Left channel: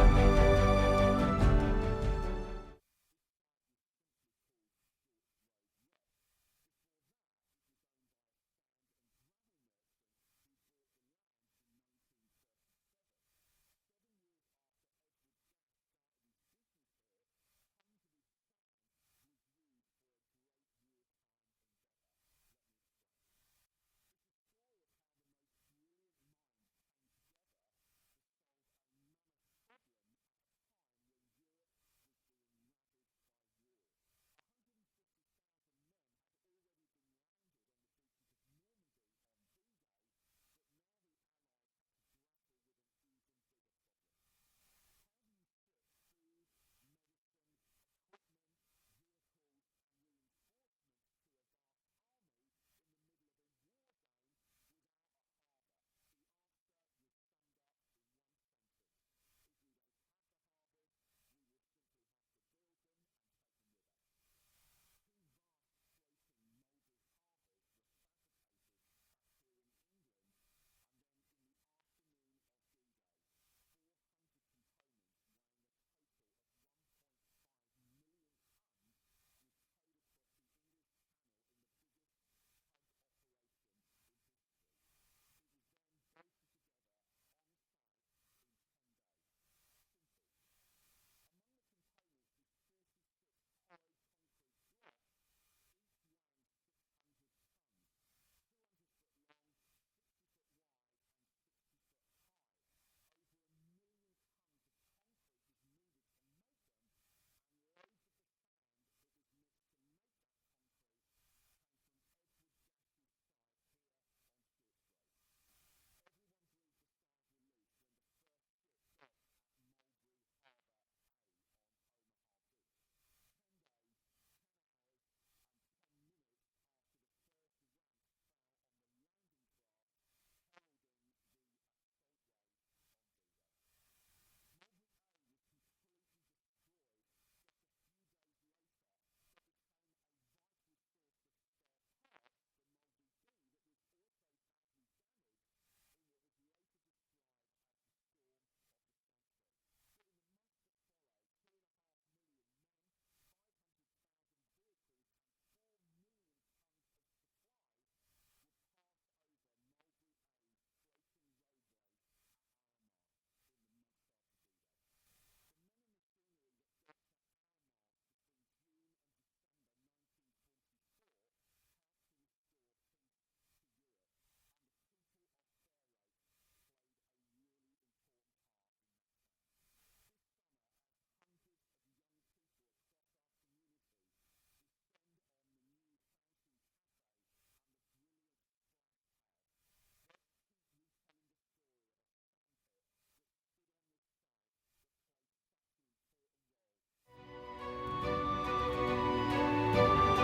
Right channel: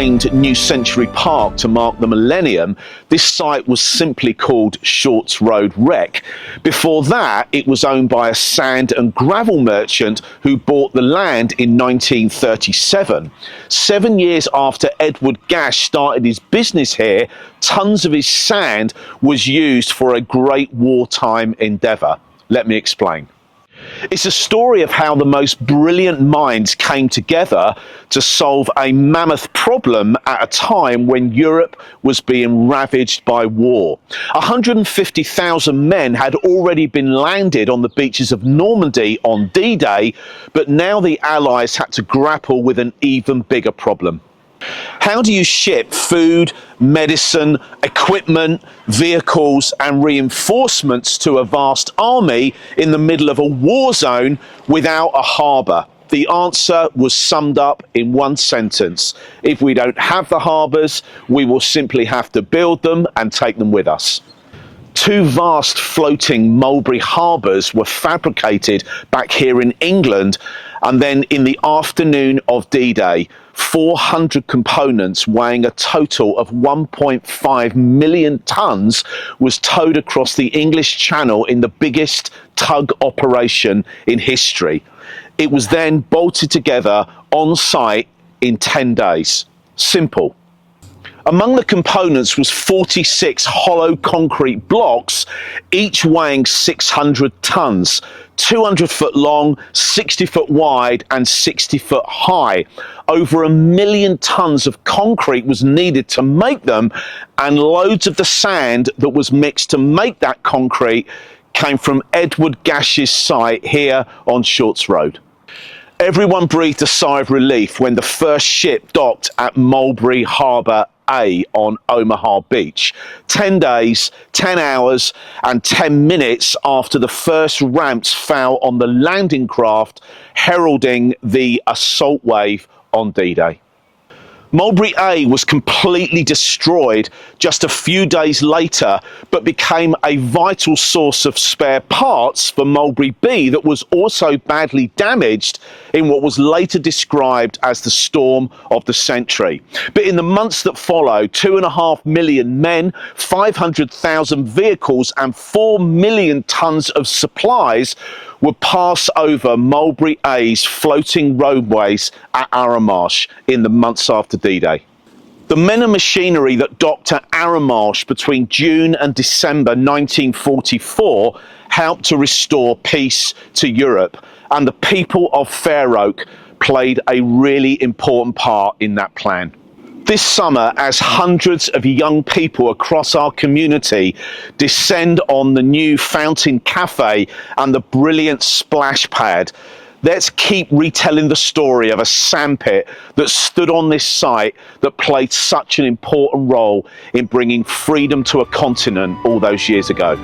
renamed New Century Park to mark the millennium, this site was simply called Shorts Road Rec. Before that, it was owned by a sand and gravel merchant who bought the land in 1937. 7 years after Edward Gash started his business here, tons of his sand was used for a great wartime endeavour. Let me explain. It's a story of how the most brilliant minds came together to solve a mammoth problem at a time when Europe was being ravaged by war. 150,000 men had already been landed on the beaches of Normandy on D-Day, but now the Allies had to grapple with an even bigger problem. How do you ship food, medicine, equipment, vehicles and reinforcements to a vast army in the middle of a war zone without a harbour? The answer was summed up in one sentence. If we don't have the harbours, we will simply have to build them and take them with us. Two vast floating Mulberry harbours were fabricated back here in England, and then in the afternoon of D-Day, 400 components weighing a total of 1.5 million tonnes was towed across the English Channel in the biggest tug operation in history. It was then bolted together on site in 10 days. Simple. Among the components was 46 hollow concrete blocks, each weighing 600 tonnes, 200 foot long, 60 foot wide and 60 foot high. Over 1 million tonnes of concrete was needed to make them, and loads of the sand that was mixed to make that concrete came from Edward Gash's site here on Shorts Road. Everyone breathed a sigh of relief when the first ship docked at Mulberry Harbour A on Omaha Beach. 10 days, 10 hours and 10 minutes after the first ramps fell on the landing craft, heralding the assault wave on D-Day. Mulberry A was completely destroyed just a few days later, but became a vital source of spare parts for Mulberry B that was also badly damaged in what was later described as the storm of the century. But in the months that followed, 2.5 million men, 500,000 vehicles and 4 million tonnes of supplies would pass over Mulberry A's floating roadways at Arromarsh in the months after D-Day. The men and machinery that docked at Arromarsh between June and December 1944 helped to restore peace to Europe, and the people of Fair Oak played a really important part in that plan. This summer, as hundreds of young people across our community descend on the new Fountain Cafe and the brilliant splash pad, let's keep retelling the story of a sandpit that stood on this site that played such an important role in bringing freedom to a continent all those years ago.